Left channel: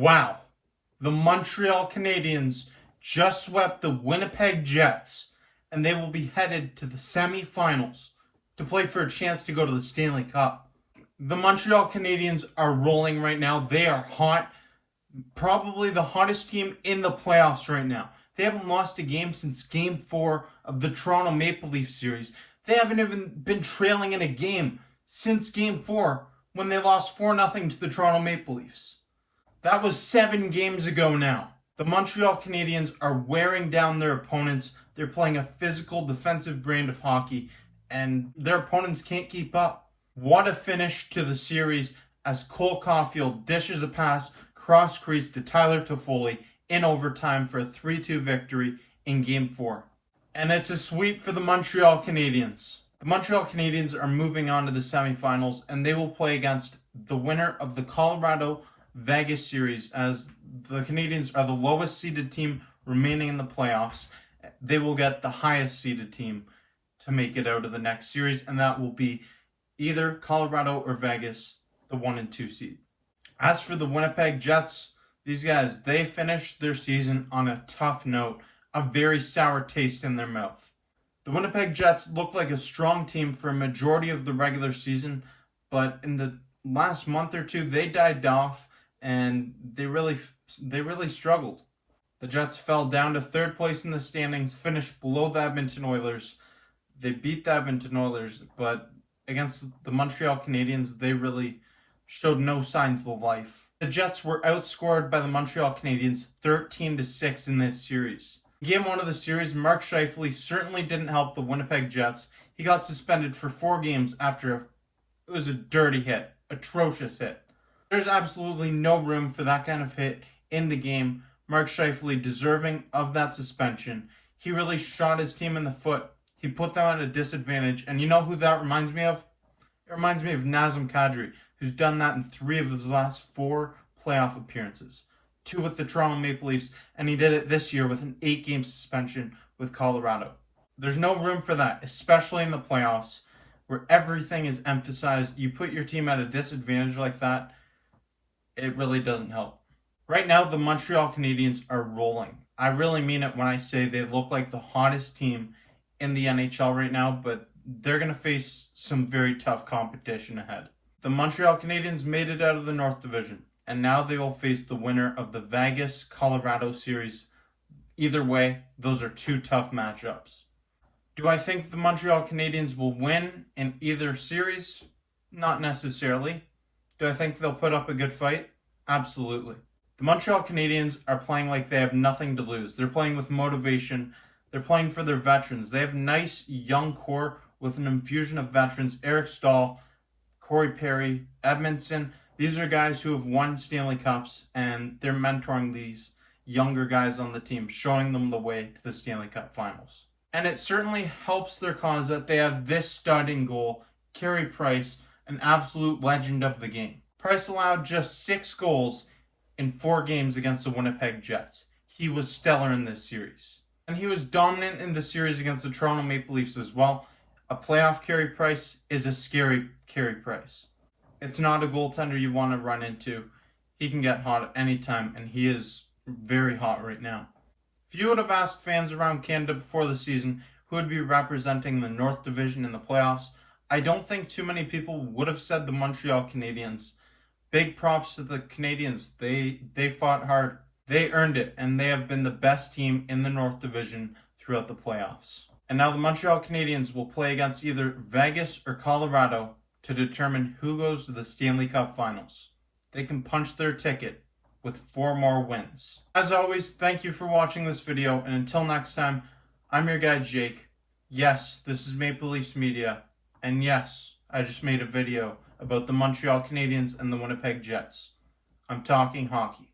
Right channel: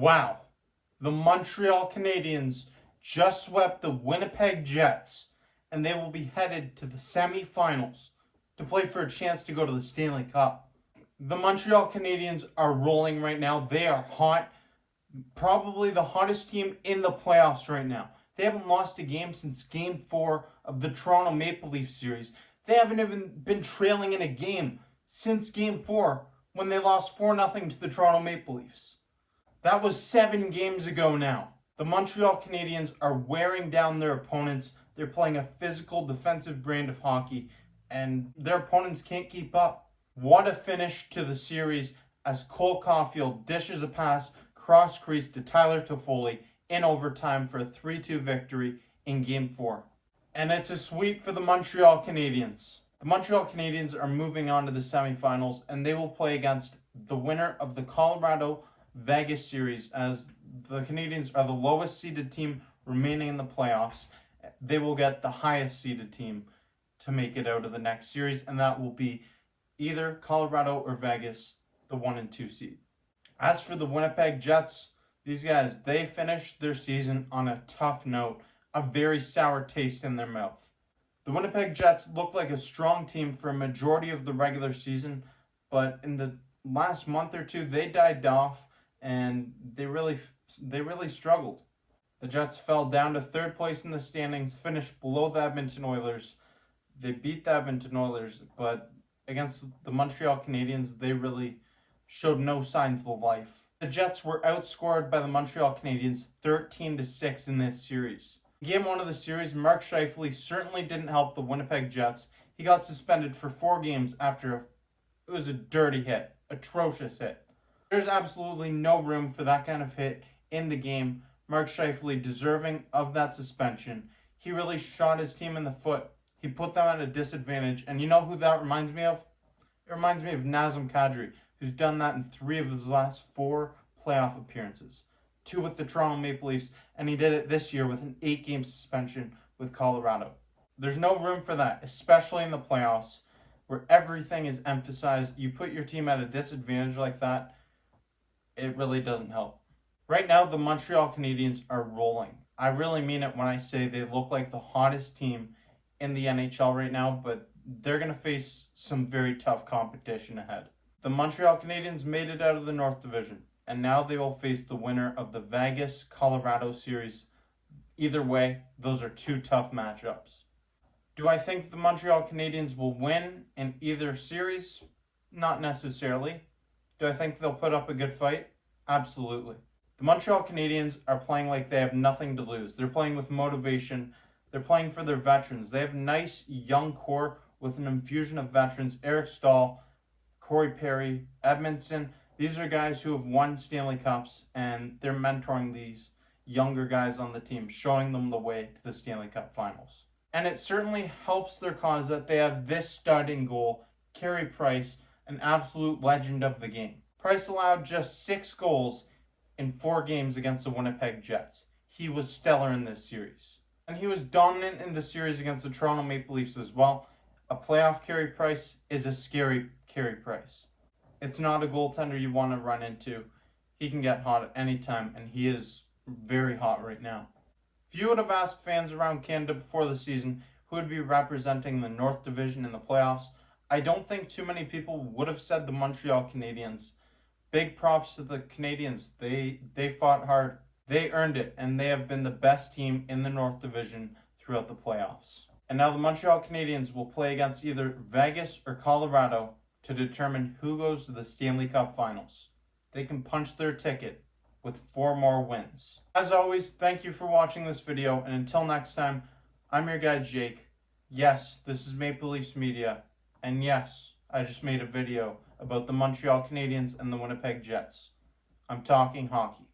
Wow, the Montreal Canadiens just swept the Winnipeg Jets, and they will be headed to the semifinals to play for a chance to go to the Stanley Cup. The Montreal Canadiens are rolling right now. They are hot, probably the hottest team in the playoffs right now. They haven't lost a game since Game 4 of the Toronto Maple Leaf series. They haven't even been trailing in a game since Game 4 when they lost 4-0 to the Toronto Maple Leafs. That was 7 games ago now. The Montreal Canadiens are wearing down their opponents. They're playing a physical, defensive brand of hockey, and their opponents can't keep up. What a finish to the series as Cole Caulfield dishes a pass cross-crease to Tyler Toffoli in overtime for a 3-2 victory in Game 4. And it's a sweep for the Montreal Canadiens. The Montreal Canadiens are moving on to the semifinals, and they will play against the winner of the Colorado Vegas series, as the Canadiens are the lowest seeded team remaining in the playoffs. They will get the highest seeded team to make it out of the next series, and that will be either Colorado or Vegas, the 1 and 2 seed. As for the Winnipeg Jets, these guys, they finished their season on a tough note, a very sour taste in their mouth. The Winnipeg Jets looked like a strong team for a majority of the regular season, but in the last month or two, they died off, and they really struggled. The Jets fell down to 3rd place in the standings, finished below the Edmonton Oilers. They beat the Edmonton Oilers, but against the Montreal Canadiens, they really showed no signs of life. The Jets were outscored by the Montreal Canadiens 13-6 in this series. In Game 1 of the series, Mark Scheifele certainly didn't help the Winnipeg Jets. He got suspended for 4 games after it was a dirty hit, atrocious hit. There's absolutely no room for that kind of hit in the game. Mark Scheifele deserving of that suspension. He really shot his team in the foot. He put them at a disadvantage. And you know who that reminds me of? It reminds me of Nazem Kadri, who's done that in 3 of his last 4 playoff appearances. 2 with the Toronto Maple Leafs, and he did it this year with an 8-game suspension with Colorado. There's no room for that, especially in the playoffs, where everything is emphasized. You put your team at a disadvantage like that, it really doesn't help. Right now, the Montreal Canadiens are rolling. I really mean it when I say they look like the hottest team in the NHL right now, but they're going to face some very tough competition ahead. The Montreal Canadiens made it out of the North Division, and now they will face the winner of the Vegas-Colorado series. Either way, those are 2 tough matchups. Do I think the Montreal Canadiens will win in either series? Not necessarily. Do I think they'll put up a good fight? Absolutely. The Montreal Canadiens are playing like they have nothing to lose. They're playing with motivation. They're playing for their veterans. They have a nice young core with an infusion of veterans. Eric Staal, Corey Perry, Edmondson. These are guys who have won Stanley Cups, and they're mentoring these younger guys on the team, showing them the way to the Stanley Cup Finals. And it certainly helps their cause that they have this stud in goal, Carey Price, an absolute legend of the game. Price allowed just 6 goals in 4 games against the Winnipeg Jets. He was stellar in this series. And he was dominant in the series against the Toronto Maple Leafs as well. A playoff Carey Price is a scary Carey Price. It's not a goaltender you want to run into. He can get hot at any time, and he is very hot right now. If you would have asked fans around Canada before the season who would be representing the North Division in the playoffs, I don't think too many people would have said the Montreal Canadiens. Big props to the Canadiens. They fought hard. They earned it, and they have been the best team in the North Division throughout the playoffs. And now the Montreal Canadiens will play against either Vegas or Colorado to determine who goes to the Stanley Cup Finals. They can punch their ticket with 4 more wins. As always, thank you for watching this video, and until next time, I'm your guy Jake. Yes, this is Maple Leafs Media, and yes, I just made a video about the Montreal Canadiens and the Winnipeg Jets. I'm talking hockey.